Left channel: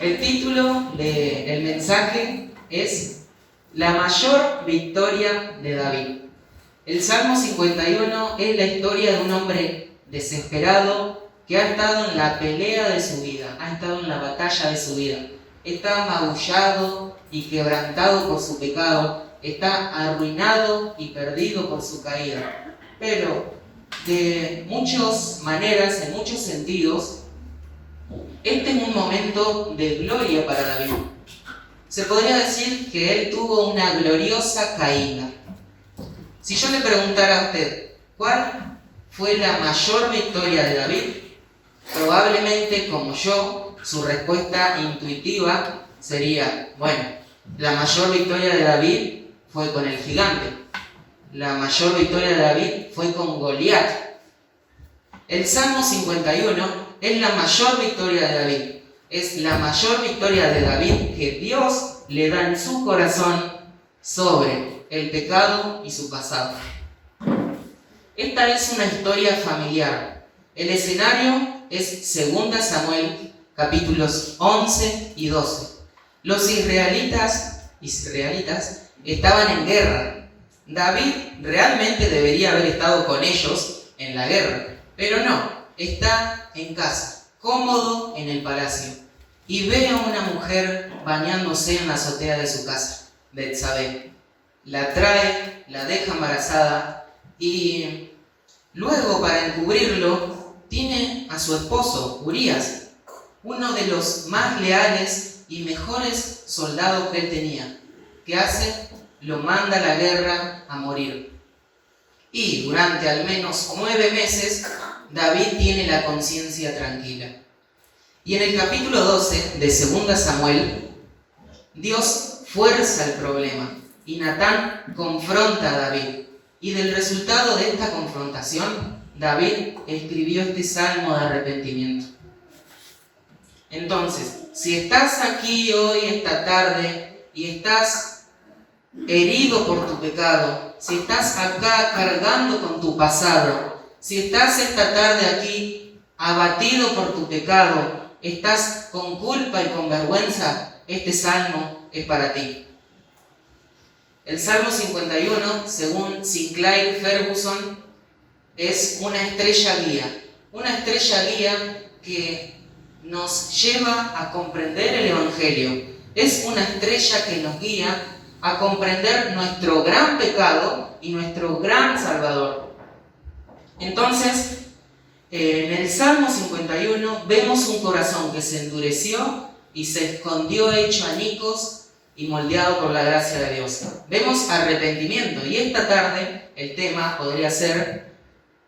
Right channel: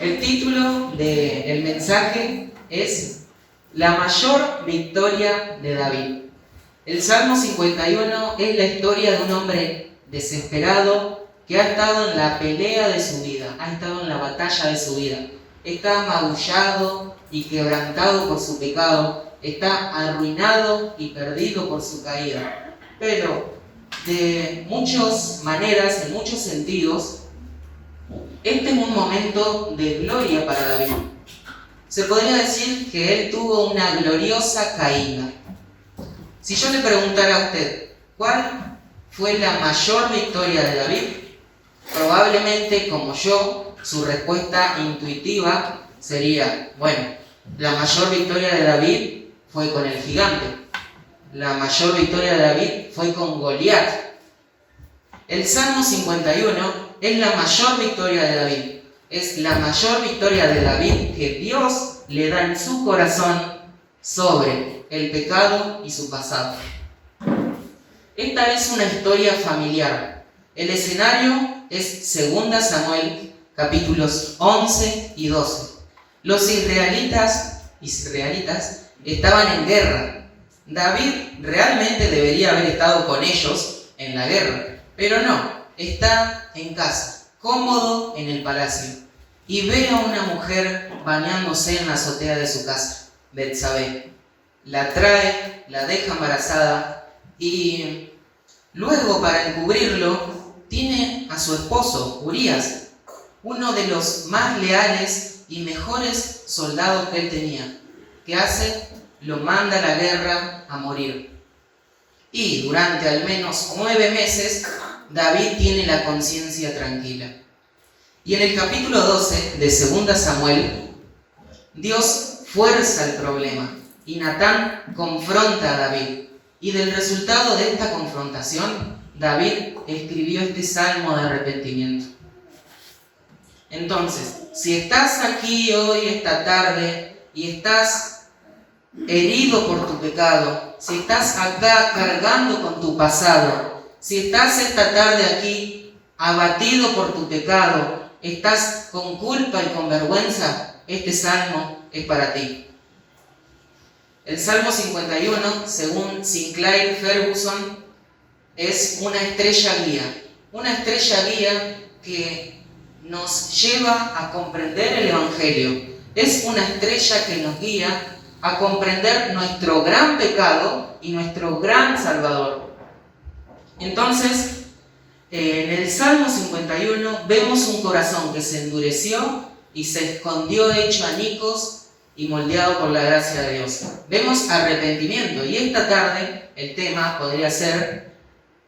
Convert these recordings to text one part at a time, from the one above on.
El título del mensaje es La mayor victoria de David. El Salmo 51 es la historia de un hombre desesperado que ha estado en la pelea de su vida, ha estado en la batalla de su vida. Está magullado y quebrantado por su pecado, está arruinado y perdido por su caída. Pero de muchas maneras, en muchos sentidos, este es un momento de gloria para David. Se podría decir que él tuvo una gloriosa caída. Si yo le preguntara a usted, ¿cuál fue la mayor victoria de David? Probablemente, como yo, su respuesta intuitiva sería, bueno, la mayor victoria de David fue con el gigante. La mayor victoria de David fue con Goliat. El Salmo 51 es la mayor victoria de David. Es la mayor victoria de David que Dios le da en su corazón sobre el pecado y su pasado. Esta es una historia familiar. El escenario es 2 Samuel, capítulos 11 y 12. Los israelitas estaban en guerra. David realmente debería haber estado con ellos en la guerra, pero no, está en casa, cómodo en el palacio, y ve a una mujer bañándose en la azotea de su casa, Betsabé. La trae, la deja embarazada y luego, para encubrirlo, tiene a su esposo, Urías, uno de los más leales y mejores soldados que él tenía. ¿Qué hace? Lo manda a la guerra a morir. Y durante al menos 9 meses, David tiene la conciencia tranquila. Y en el capítulo 12 de 2 Samuel, Dios fuerza el problema y Natán confronta a David. Y del resultado de esta confrontación, David escribió este salmo de arrepentimiento. Entonces, si estás aquí hoy, esta tarde, y estás herido por tu pecado, si estás acá cargando con tu pasado, si estás esta tarde aquí abatido por tu pecado, estás con culpa y con vergüenza, este salmo es para ti. El Salmo 51, según Sinclair Ferguson, es una estrella guía que nos lleva a comprender el Evangelio. Es una estrella que nos guía a comprender nuestro gran pecado y nuestro gran Salvador. Entonces, en el Salmo 51 vemos un corazón que se endureció y se escondió hecho añicos y moldeado por la gracia de Dios. Vemos arrepentimiento, y esta tarde el tema podría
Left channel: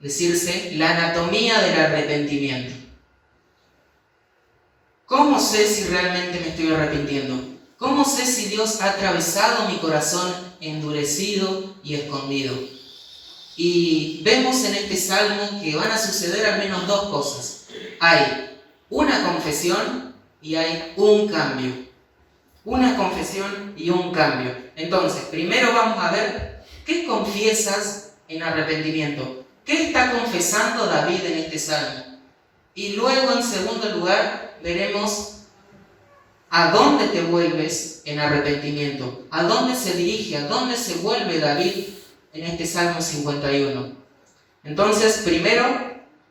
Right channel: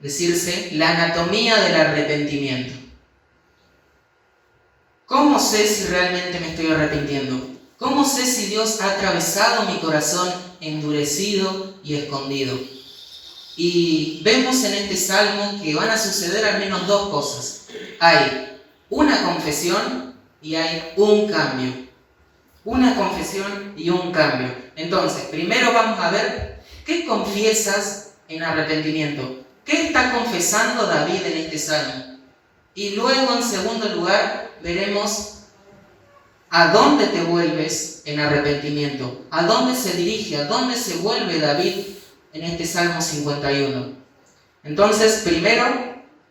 decirse la anatomía del arrepentimiento. ¿Cómo sé si realmente me estoy arrepintiendo? ¿Cómo sé si Dios ha atravesado mi corazón endurecido y escondido? Y vemos en este salmo que van a suceder al menos 2 cosas. Hay una confesión y hay un cambio. Una confesión y un cambio. Entonces, primero vamos a ver qué confiesas en arrepentimiento. ¿Qué está confesando David en este salmo? Y luego, en segundo lugar, veremos a dónde te vuelves en arrepentimiento. A dónde se dirige, a dónde se vuelve David en este Salmo 51. Entonces, primero,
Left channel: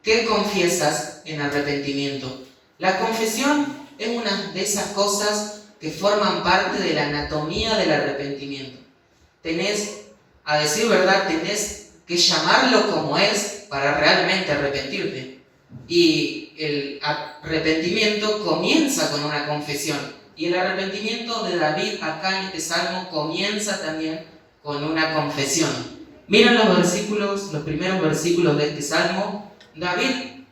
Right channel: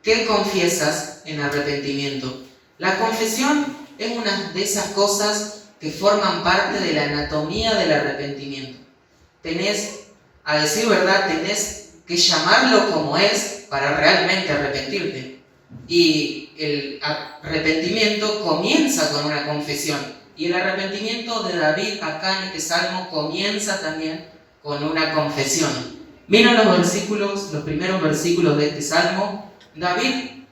¿qué confiesas en arrepentimiento? La confesión es una de esas cosas que forman parte de la anatomía del arrepentimiento. A decir verdad, tenés que llamarlo como es para realmente arrepentirte. Y el arrepentimiento comienza con una confesión. Y el arrepentimiento de David acá en este salmo comienza también con una confesión. Miren los primeros versículos de este salmo. David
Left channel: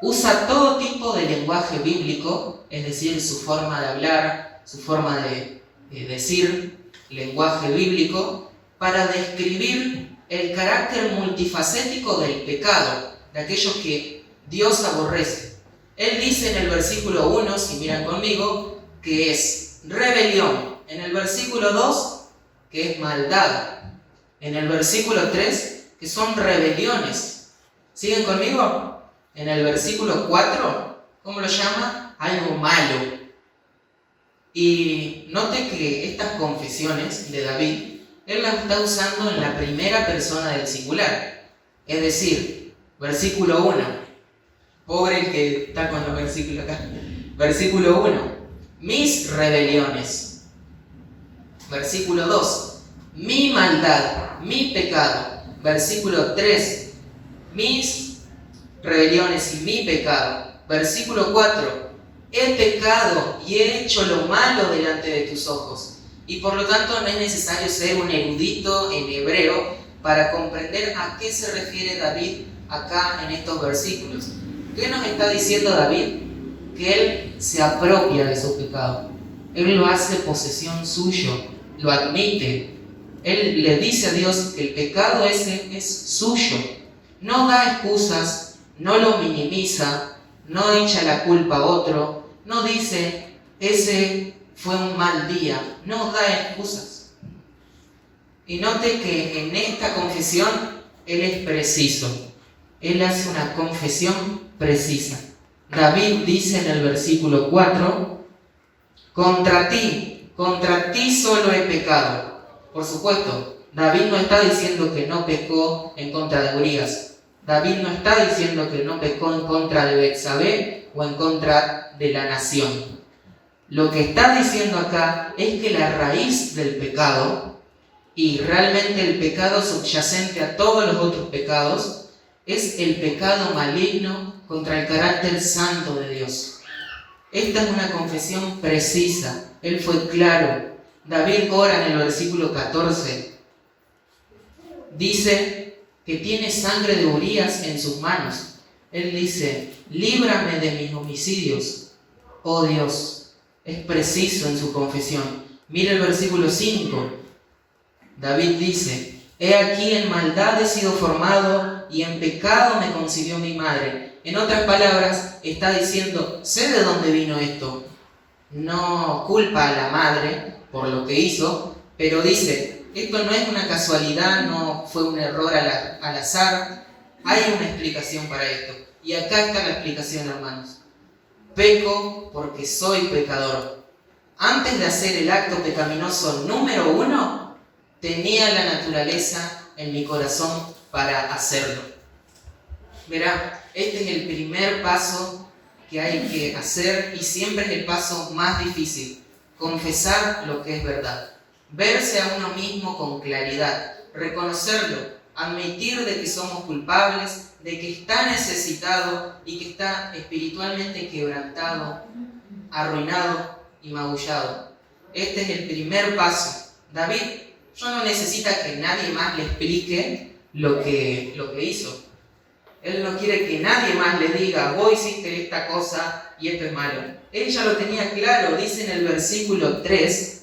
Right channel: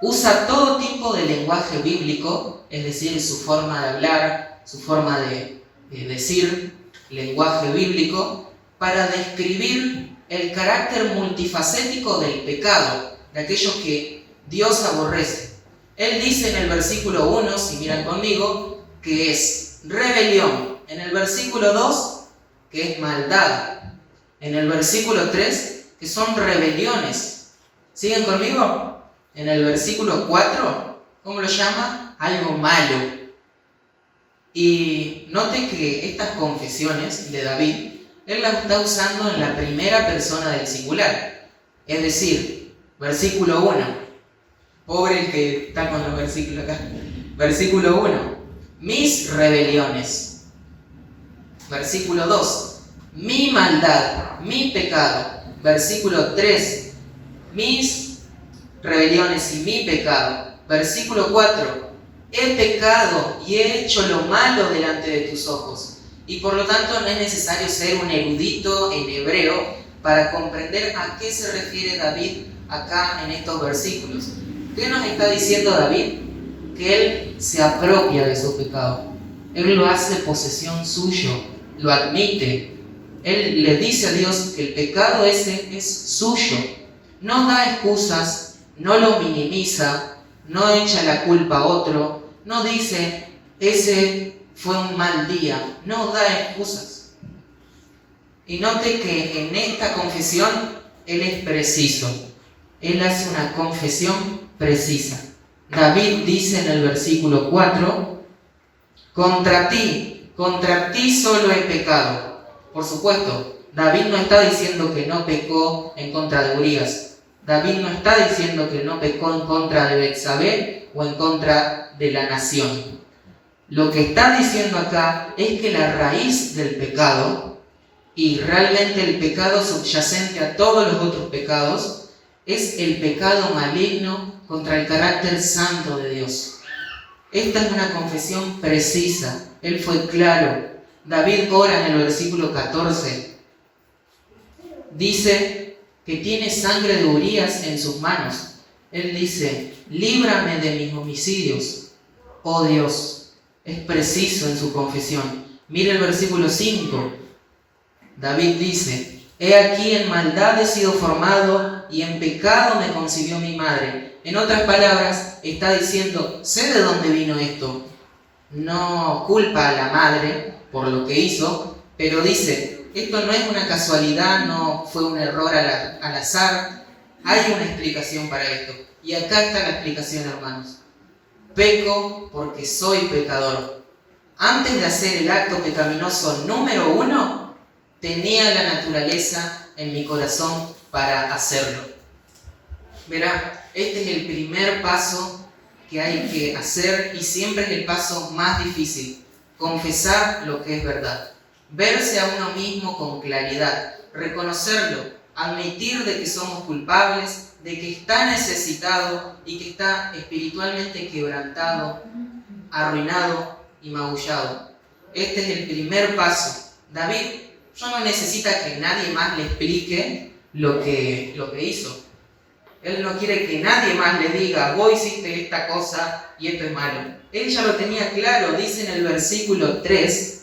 usa todo tipo de lenguaje bíblico, es decir, su forma de hablar, su forma de decir, lenguaje bíblico, para describir el carácter multifacético del pecado, de aquellos que Dios aborrece. Él dice en el versículo 1, si miran conmigo, que es rebelión. En el versículo 2, que es maldad. En el versículo 3, que son rebeliones. ¿Siguen conmigo? En el versículo 4, ¿cómo lo llama? Algo malo. Y note que estas confesiones de David, él las está usando en la primera persona del singular. Es decir, versículo 1. Pobre el que está con los versículos acá. Versículo 1. Mis rebeliones. Versículo 2. Mi maldad, mi pecado. Versículo 3. Mis rebeliones y mi pecado. Versículo 4. He pecado y he hecho lo malo delante de tus ojos. Y por lo tanto no es necesario ser un erudito en hebreo para comprender a qué se refiere David acá en estos versículos. ¿Qué nos está diciendo David? Que él se apropia de su pecado. Él lo hace posesión suyo, lo admite. Él le dice a Dios que el pecado ese es suyo. No da excusas, no lo minimiza, no echa la culpa a otro, no dice, ese fue un mal día, no da excusas. Y note que en esta confesión él es preciso, él hace una confesión precisa. David dice en el versículo 4, contra ti solo he pecado. Por supuesto, David no está diciendo que no pecó en contra de Urías. David no está diciendo que no pecó en contra de Betsabé o en contra de la nación. Lo que está diciendo acá es que la raíz del pecado, y realmente el pecado subyacente a todos los otros pecados, es el pecado maligno contra el carácter santo de Dios. Esta es una confesión precisa. Él fue claro. David ora en el versículo 14. Dice que tiene sangre de Urías en sus manos. Él dice, líbrame de mis homicidios, oh Dios. Es preciso en su confesión. Mira el versículo 5. David dice, he aquí en maldad he sido formado y en pecado me concibió mi madre. En otras palabras, está diciendo, sé de dónde vino esto. No culpa a la madre por lo que hizo, pero dice, esto no es una casualidad, no fue un error al azar. Hay una explicación para esto. Y acá está la explicación, hermanos. Peco porque soy pecador. Antes de hacer el acto pecaminoso número 1, tenía la naturaleza en mi corazón para hacerlo. Verá, este es el primer paso que hay que hacer y siempre es el paso más difícil. Confesar lo que es verdad. Verse a uno mismo con claridad. Reconocerlo. Admitir de que somos culpables, de que está necesitado y que está espiritualmente quebrantado, arruinado y magullado. Este es el primer paso. David no necesita que nadie más le explique lo que hizo. Él no quiere que nadie más le diga, vos hiciste esta cosa y esto es malo. Él ya lo tenía claro, dice en el versículo 3,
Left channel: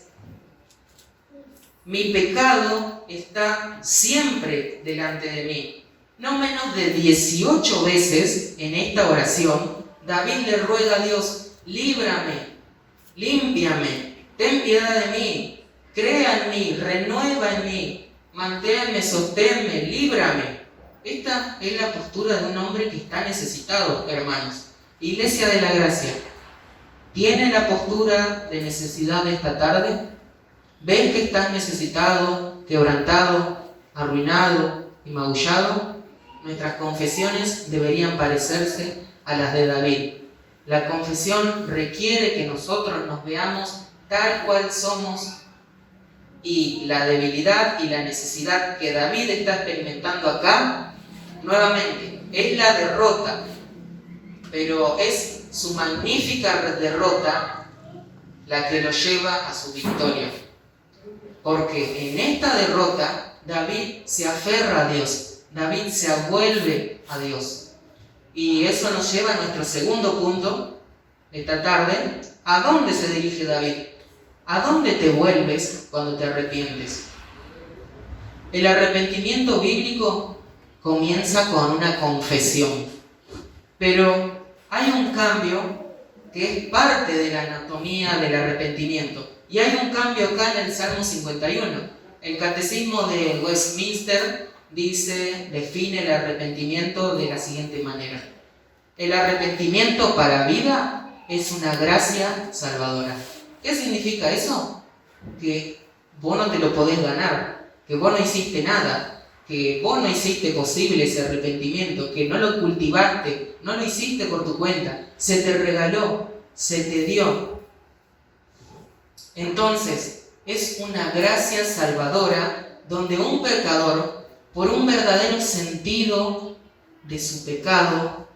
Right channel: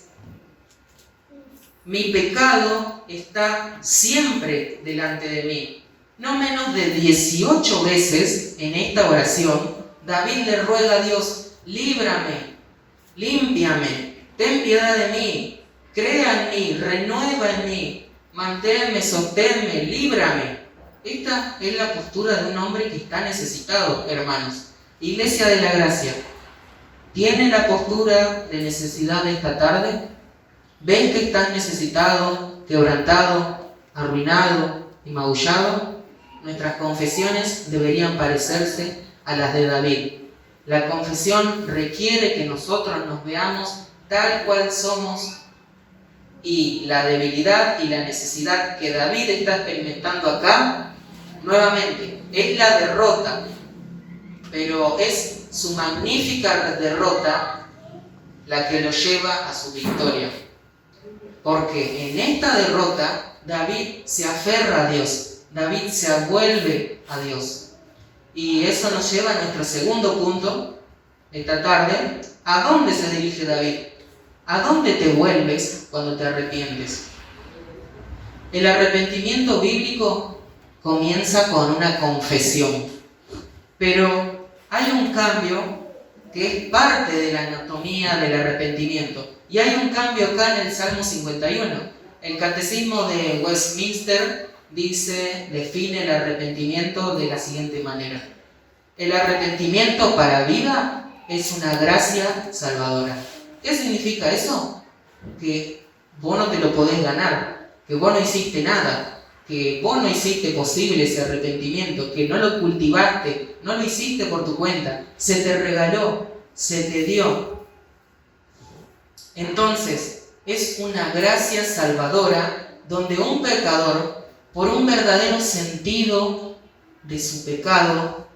mi pecado está siempre delante de mí. No menos de 18 veces en esta oración, David le ruega a Dios, líbrame, límpiame, ten piedad de mí, crea en mí, renueva en mí, manténme, sosténme, líbrame. Esta es la postura de un hombre que está necesitado, hermanos. Iglesia de la Gracia, ¿tiene la postura de necesidad de esta tarde? ¿Ves que estás necesitado, quebrantado, arruinado y magullado? Nuestras confesiones deberían parecerse a las de David. La confesión requiere que nosotros nos veamos tal cual somos y la debilidad y la necesidad que David está experimentando acá, nuevamente, es la derrota, pero es su magnífica derrota la que lo lleva a su victoria. Porque en esta derrota David se aferra a Dios, David se vuelve a Dios. Y eso nos lleva a nuestro segundo punto esta tarde. ¿A dónde se dirige David? ¿A dónde te vuelves cuando te arrepientes? El arrepentimiento bíblico comienza con una confesión, pero hay un cambio que es parte de la anatomía del arrepentimiento. Y hay un cambio acá en el Salmo 51. El Catecismo de Westminster define el arrepentimiento de la siguiente manera. El arrepentimiento para vida es una gracia salvadora. ¿Qué significa eso? Que vos no te lo podés ganar, que vos no hiciste nada, que vos no hiciste posible ese arrepentimiento, que no lo cultivaste, no lo hiciste por tu cuenta, se te regaló, se te dio. Entonces, es una gracia salvadora donde un pecador, por un verdadero sentido de su pecado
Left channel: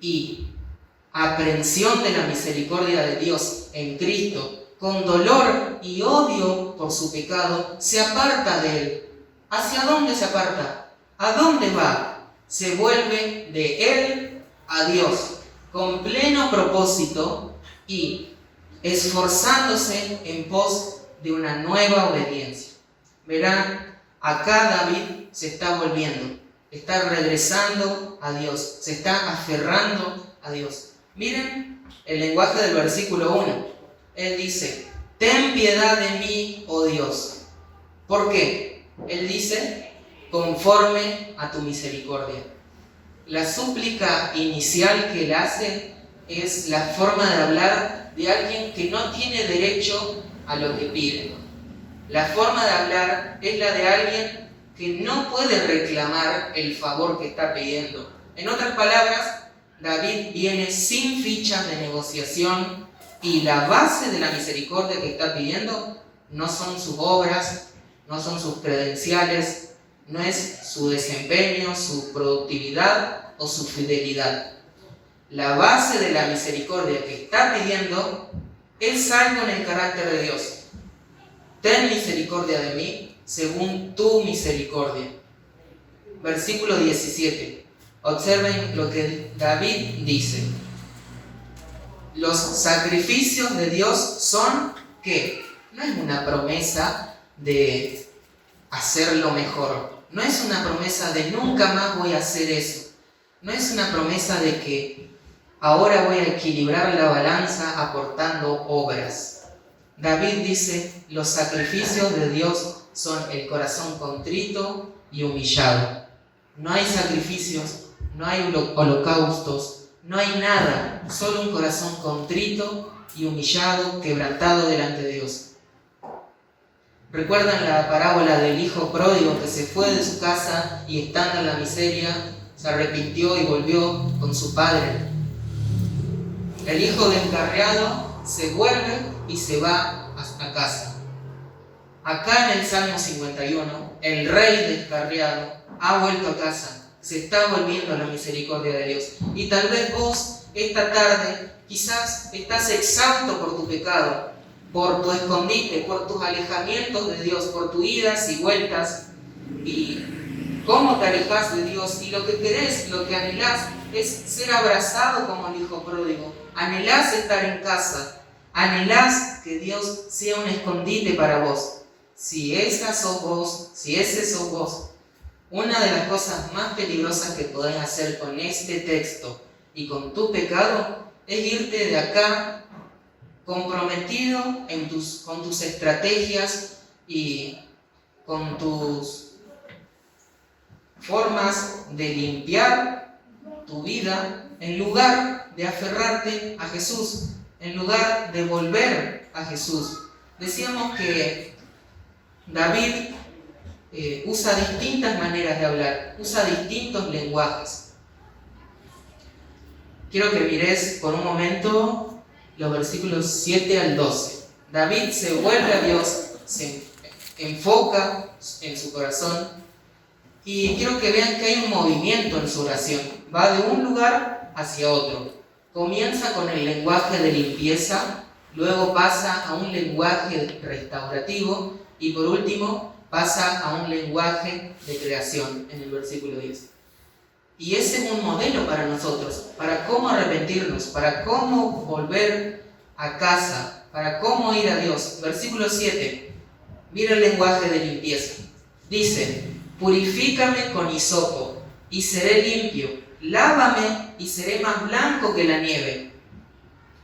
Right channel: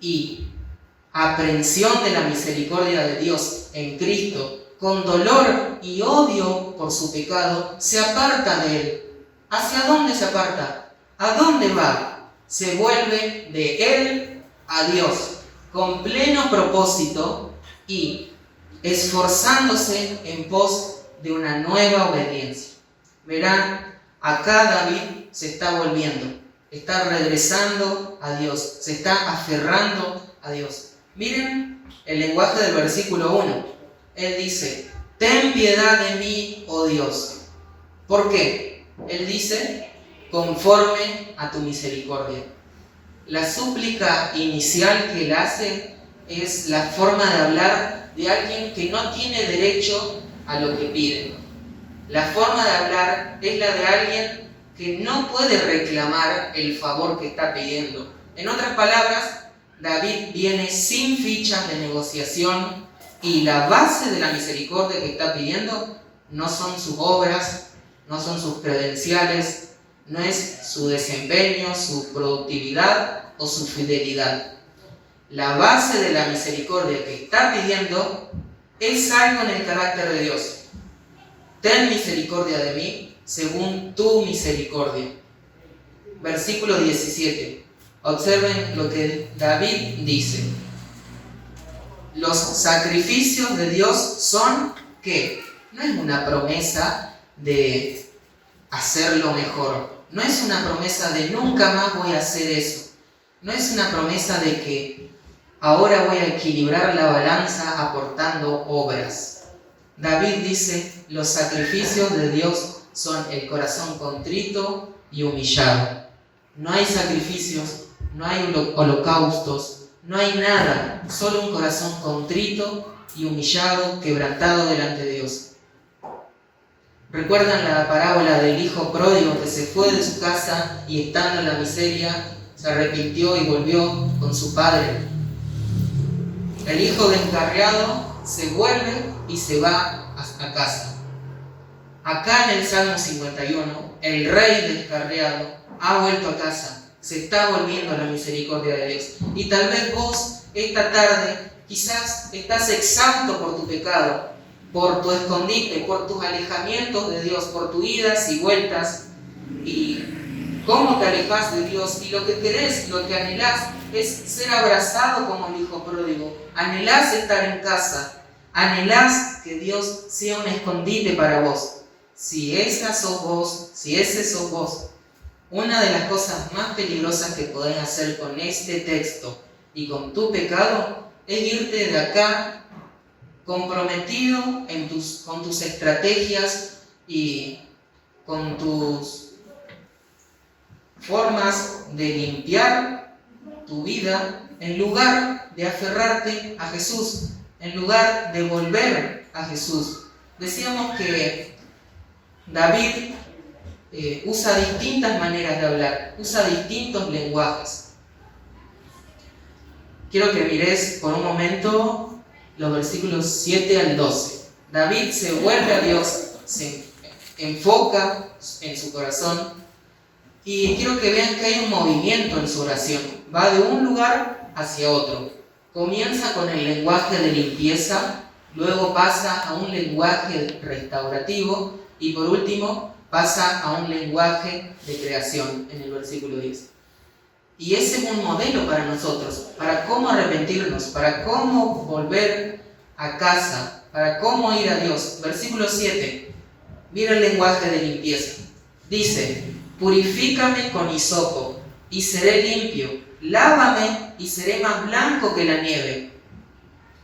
y aprehensión de la misericordia de Dios en Cristo, con dolor y odio por su pecado, se aparta de él. ¿Hacia dónde se aparta? ¿A dónde va? Se vuelve de él a Dios, con pleno propósito y esforzándose en pos de una nueva obediencia. Verán, acá David se está volviendo, está regresando a Dios, se está aferrando a Dios. Miren el lenguaje del versículo 1. Él dice, ten piedad de mí, oh Dios. ¿Por qué? Él dice, conforme a tu misericordia. La súplica inicial que él hace es la forma de hablar de alguien que no tiene derecho a lo que pide. La forma de hablar es la de alguien que no puede reclamar el favor que está pidiendo. En otras palabras, David viene sin fichas de negociación y la base de la misericordia que está pidiendo no son sus obras, no son sus credenciales, no es su desempeño, su productividad o su fidelidad. La base de la misericordia que está pidiendo es algo en el carácter de Dios. Ten misericordia de mí según tu misericordia. Versículo 17. Observen lo que David dice. Los sacrificios de Dios son, ¿qué? No es una promesa de hacerlo mejor. No es una promesa de nunca más voy a hacer eso. No es una promesa de que ahora voy a equilibrar la balanza aportando obras. David dice, los sacrificios de Dios son el corazón contrito y humillado. No hay sacrificios, no hay holocaustos, no hay nada, solo un corazón contrito y humillado, quebrantado delante de Dios. ¿Recuerdan la parábola del hijo pródigo que se fue de su casa y estando en la miseria se arrepintió y volvió con su padre? El hijo descarriado se vuelve y se va a casa. Acá en el Salmo 51, el rey descarriado ha vuelto a casa. Se está volviendo a la misericordia de Dios. Y tal vez vos esta tarde quizás estás exhausto por tu pecado, por tu escondite, por tus alejamientos de Dios, por tus idas y vueltas. Y cómo te alejas de Dios. Y lo que querés, lo que anhelás es ser abrazado como el hijo pródigo. Anhelás estar en casa. Anhelás que Dios sea un escondite para vos. Si esa sos vos, si ese sos vos, una de las cosas más peligrosas que podés hacer con este texto y con tu pecado es irte de acá comprometido con tus estrategias y con tus formas de limpiar tu vida en lugar de aferrarte a Jesús, en lugar de volver a Jesús. Decíamos que David usa distintas maneras de hablar, usa distintos lenguajes. Quiero que mires por un momento los versículos 7 al 12. David se vuelve a Dios, se enfoca en su corazón y quiero que vean que hay un movimiento en su oración. Va de un lugar hacia otro. Comienza con el lenguaje de limpieza, luego pasa a un lenguaje restaurativo y por último pasa a un lenguaje de creación en el versículo 10. Y ese es un modelo para nosotros, para cómo arrepentirnos, para cómo volver a casa, para cómo ir a Dios. Versículo 7, mira el lenguaje de limpieza. Dice, purifícame con hisopo y seré limpio, lávame y seré más blanco que la nieve.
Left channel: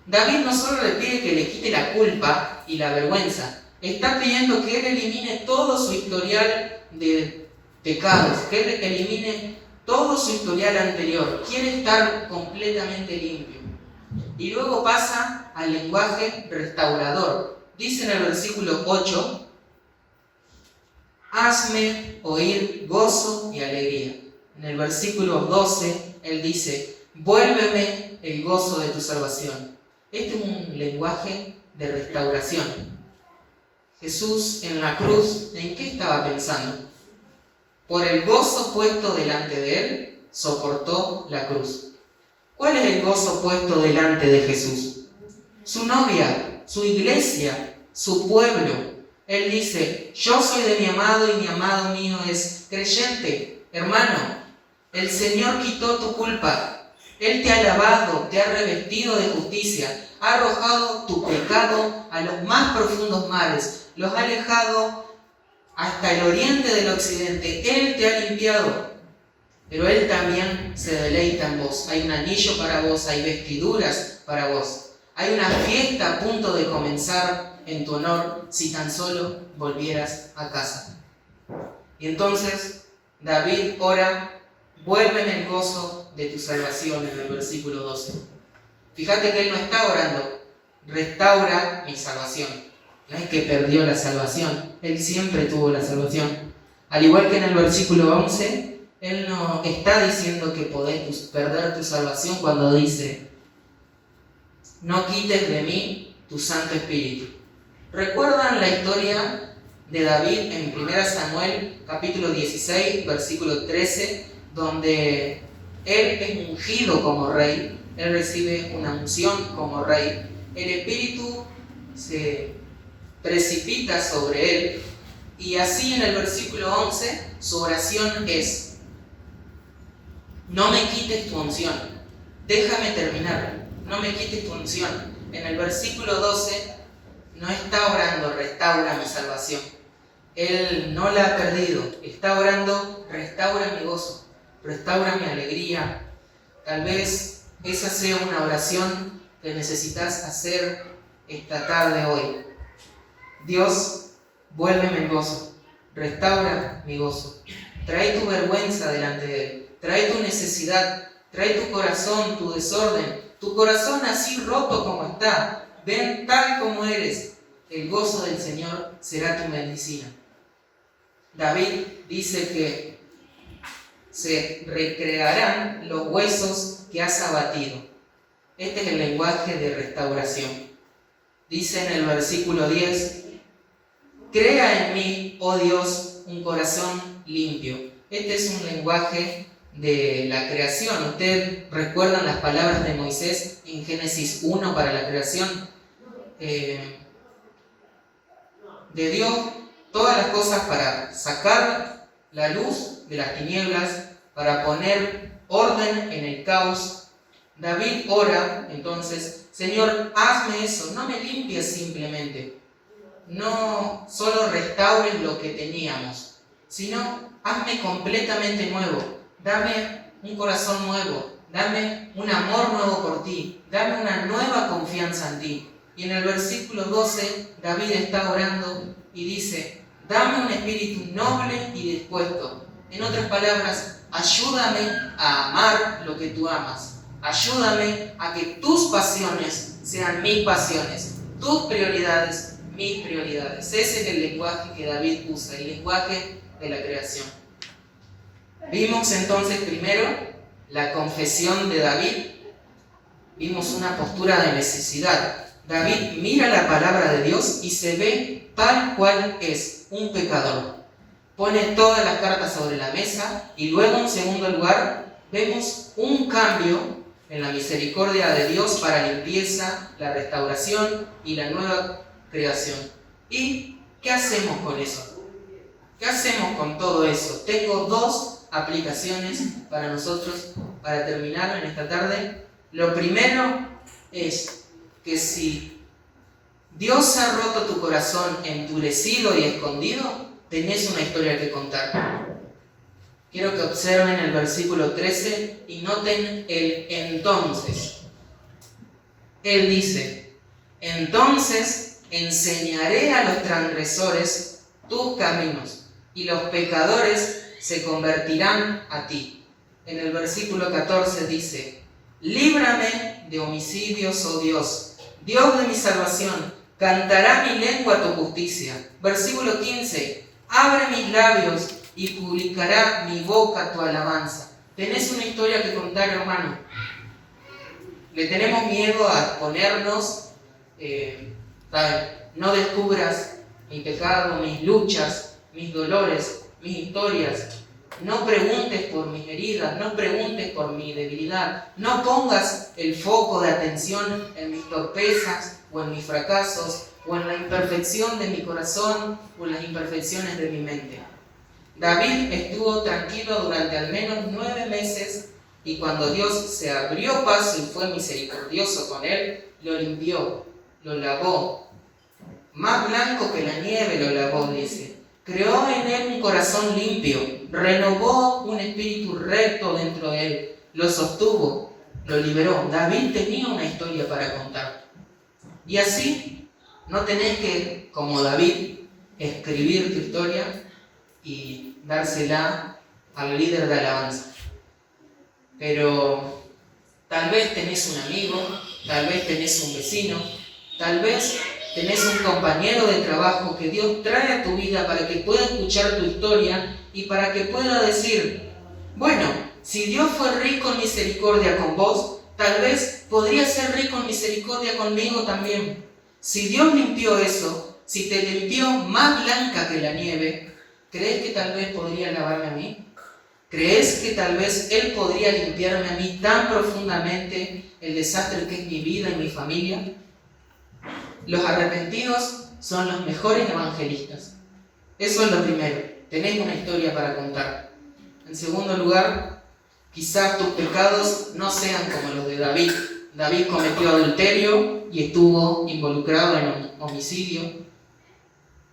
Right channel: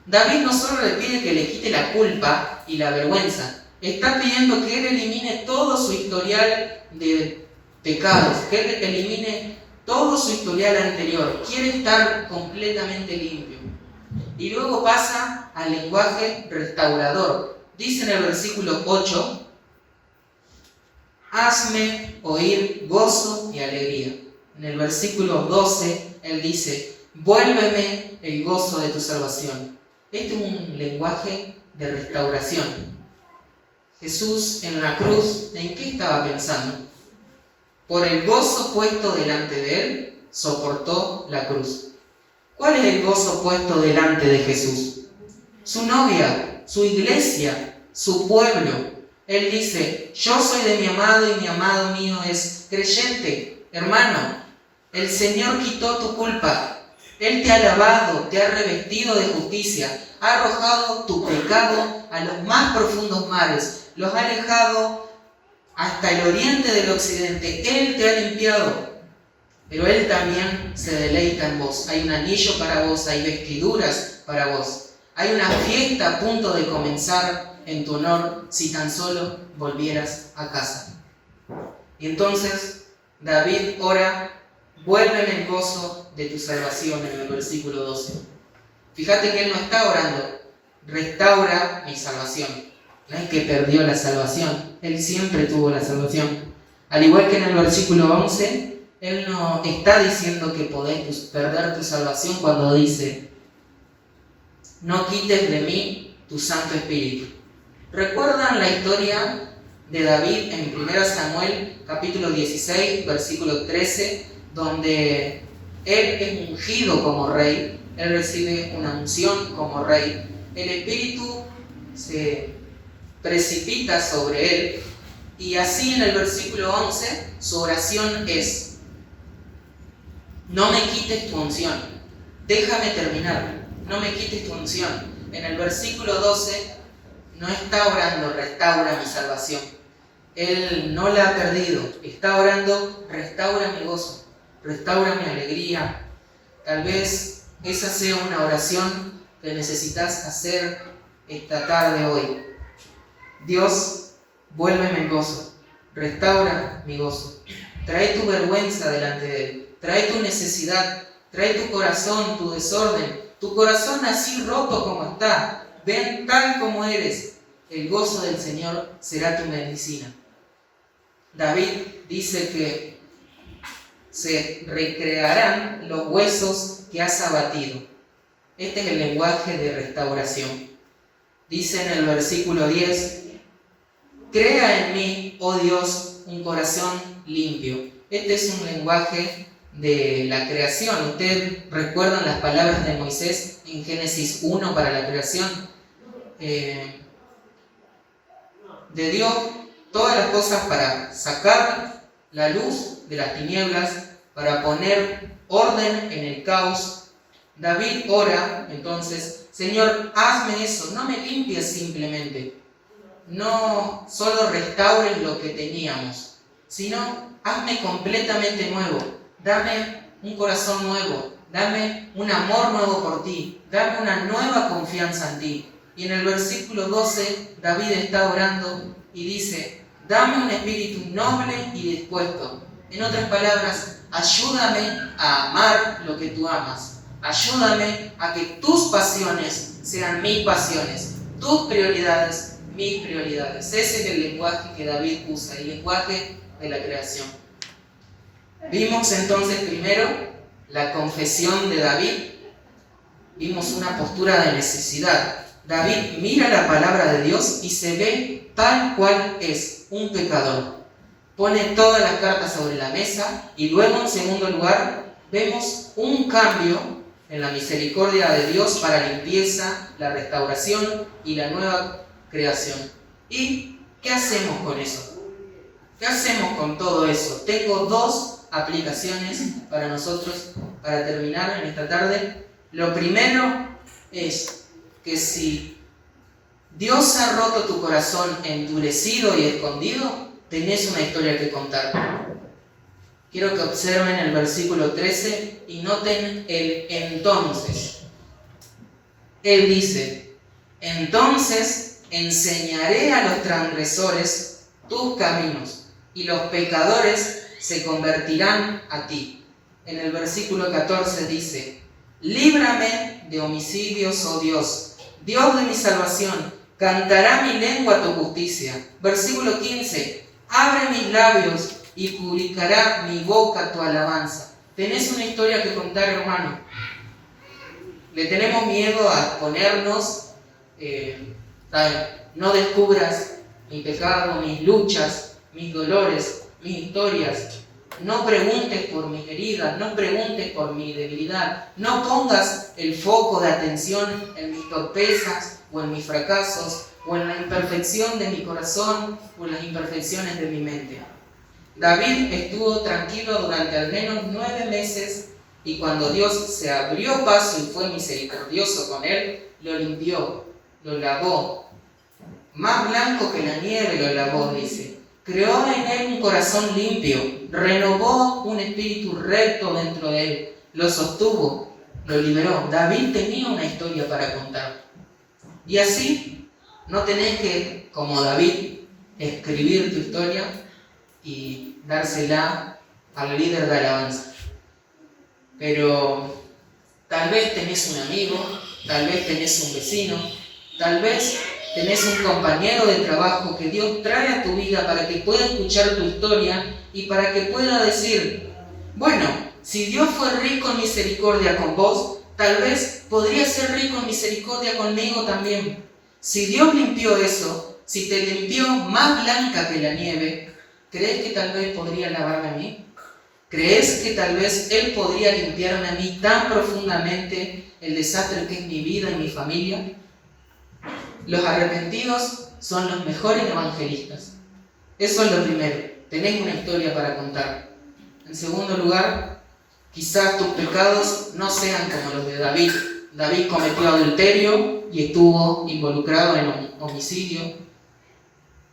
David no solo le pide que le quite la culpa y la vergüenza, está pidiendo que él elimine todo su historial de pecados, que él elimine todo su historial anterior. Quiere estar completamente limpio. Y luego pasa al lenguaje restaurador. Dice en el versículo 8, hazme oír gozo y alegría. En el versículo 12, él dice, vuélveme el gozo de tu salvación. Este es un lenguaje de restauración. Jesús en la cruz, ¿en qué estaba pensando? Por el gozo puesto delante de él, soportó la cruz. ¿Cuál es el gozo puesto delante de Jesús? Su novia, su iglesia, su pueblo. Él dice, yo soy de mi amado y mi amado mío es creyente. Hermano, el Señor quitó tu culpa. Él te ha lavado, te ha revestido de justicia, ha arrojado tu pecado a los más profundos mares, los ha alejado hasta el oriente del occidente. Él te ha limpiado, pero Él también se deleita en vos. Hay un anillo para vos, hay vestiduras para vos. Hay una fiesta a punto de comenzar en tu honor si tan solo volvieras a casa. Y entonces David ora, vuélveme el gozo de tu salvación, en el versículo 12. Fíjate que él no está orando, restaura mi salvación. No es que perdió la salvación, él siempre tuvo la salvación. Al igual que en el versículo 11, él no está diciendo que podés perder tu salvación cuando dice, no quites de mí tu Santo Espíritu. ¿Recuerdan la historia de David en 1 Samuel capítulo 16, versículo 13, donde él es ungido como rey, él recibe una unción como rey, el Espíritu se precipita sobre él y así en el versículo 11 su oración es, no me quites tu unción, déjame terminar, no me quites tu unción. En el versículo 12 no está orando, restaura mi salvación. Él no la ha perdido, está orando, restaura mi gozo, restaura mi alegría. Tal vez esa sea una oración que necesitas hacer esta tarde hoy. Dios, vuélveme el gozo, restaura mi gozo. Trae tu vergüenza delante de Él, trae tu necesidad, trae tu corazón, tu desorden, tu corazón así roto como está. Ven tal como eres, el gozo del Señor será tu medicina. David dice que se recrearán los huesos que has abatido. Este es el lenguaje de restauración. Dice en el versículo 10, crea en mí, oh Dios, un corazón limpio. Este es un lenguaje de la creación. Ustedes recuerdan las palabras de Moisés en Génesis 1 para la creación. De Dios todas las cosas para sacar la luz de las tinieblas, para poner orden en el caos. David ora entonces, Señor, hazme eso, no me limpies simplemente, no solo restaures lo que teníamos, sino hazme completamente nuevo, dame un corazón nuevo, dame un amor nuevo por ti, dame una nueva confianza en ti. Y en el versículo 12, David está orando y dice, dame un espíritu noble y dispuesto. En otras palabras, ayúdame a amar lo que tú amas. Ayúdame a que tus pasiones sean mis pasiones, tus prioridades, mis prioridades. Ese es el lenguaje que David usa, el lenguaje de la creación. Vimos entonces primero la confesión de David. Vimos una postura de necesidad. David mira la palabra de Dios y se ve tal cual es, un pecador. Pone todas las cartas sobre la mesa y luego en segundo lugar vemos un cambio en la misericordia de Dios para la limpieza, la restauración y la nueva creación. ¿Y qué hacemos con eso? ¿Qué hacemos con todo eso? Tengo dos aplicaciones para nosotros para terminar en esta tarde. Lo primero es que si Dios ha roto tu corazón endurecido y escondido, tenés una historia que contar. Quiero que observen el versículo 13 y noten el entonces. Él dice, entonces enseñaré a los transgresores tus caminos y los pecadores se convertirán a ti. En el versículo 14 dice, líbrame de homicidios, oh Dios. Dios de mi salvación, cantará mi lengua tu justicia. Versículo 15. Abre mis labios y publicará mi boca tu alabanza. Tenés una historia que contar, hermano. Le tenemos miedo a ponernos, no descubras mi pecado, mis luchas, mis dolores, mis historias. No preguntes por mis heridas, no preguntes por mi debilidad. No pongas el foco de atención en mis torpezas o en mis fracasos o en la imperfección de mi corazón o en las imperfecciones de mi mente. David estuvo tranquilo durante al menos 9 meses y cuando Dios se abrió paso y fue misericordioso con él, lo limpió, lo lavó. Más blanco que la nieve lo lavó, dice. Creó en él un corazón limpio, renovó un espíritu recto dentro de él, lo sostuvo, lo liberó. David tenía una historia para contar. Y así no tenés que, como David, escribir tu historia y dársela al líder de alabanza. Pero tal vez tenés un amigo, tal vez tenés un vecino, tal vez tenés un compañero de trabajo que Dios trae a tu vida para que pueda escuchar tu historia y para que pueda decir, bueno, si Dios fue rico en misericordia con vos, tal vez podría ser rico en misericordia conmigo también. Si Dios limpió eso, si te limpió más blanca que la nieve, ¿crees que tal vez podría lavarme a mí? ¿Crees que tal vez Él podría limpiarme a mí tan profundamente el desastre que es mi vida y mi familia? Los arrepentidos son los mejores evangelistas. Eso es lo primero. Tenés una historia para contar. En segundo lugar, quizás tus pecados no sean como los de David. David cometió adulterio y estuvo involucrado en homicidio.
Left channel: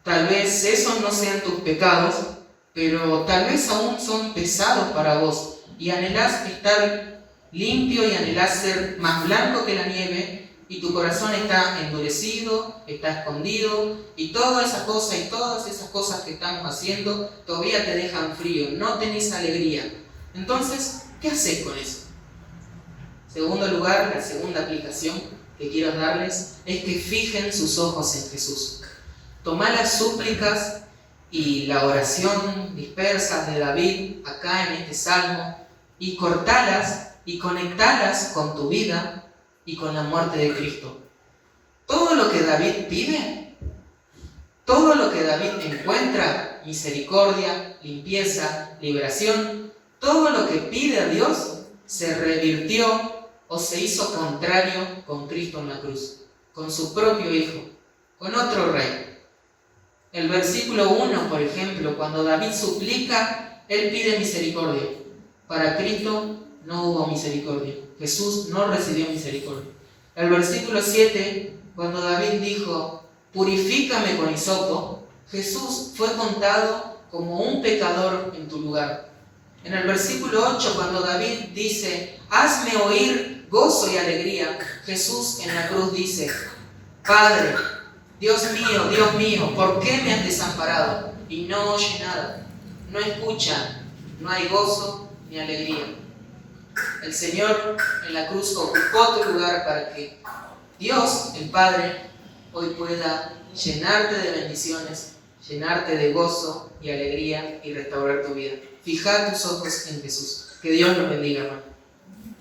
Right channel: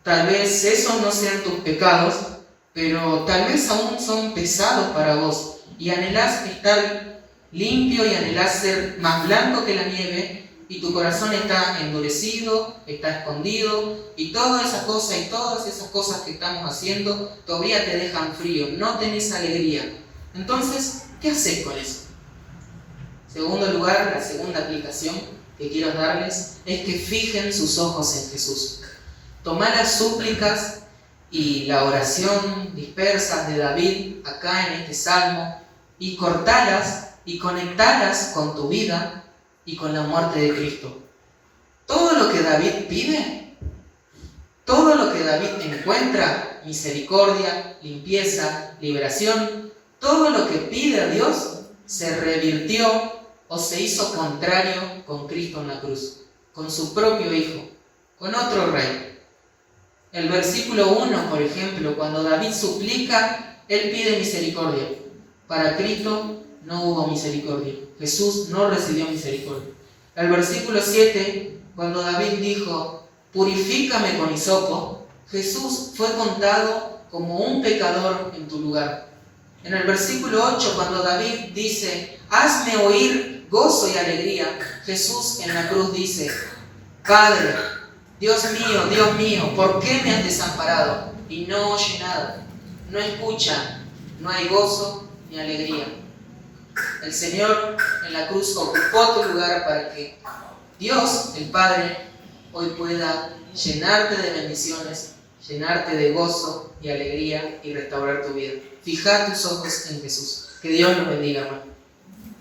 Tal vez esos no sean tus pecados, pero tal vez aún son pesados para vos y anhelás estar limpio y anhelás ser más blanco que la nieve y tu corazón está endurecido, está escondido y todas esas cosas que estamos haciendo todavía te dejan frío, no tenés alegría. Entonces, ¿qué haces con eso? En segundo lugar, la segunda aplicación que quiero darles es que fijen sus ojos en Jesús. Tomá las súplicas y la oración dispersas de David acá en este salmo y cortalas y conectalas con tu vida y con la muerte de Cristo. Todo lo que David pide, todo lo que David encuentra, misericordia, limpieza, liberación, todo lo que pide a Dios se revirtió o se hizo contrario con Cristo en la cruz, con su propio Hijo, con otro Rey. El versículo 1, por ejemplo, cuando David suplica, él pide misericordia. Para Cristo no hubo misericordia. Jesús no recibió misericordia. El versículo 7, cuando David dijo, purifícame con hisopo, Jesús fue contado como un pecador en tu lugar. En el versículo 8, cuando David dice, hazme oír gozo y alegría, Jesús en la cruz dice, Padre, Dios mío, ¿por qué me has desamparado? Y no oye nada, no escucha, no hay gozo ni alegría. El Señor en la cruz ocupó tu lugar para que Dios, el Padre, hoy pueda llenarte de bendiciones, llenarte de gozo y alegría y restaurar tu vida. Fija tus ojos en Jesús. Que Dios nos bendiga, hermano.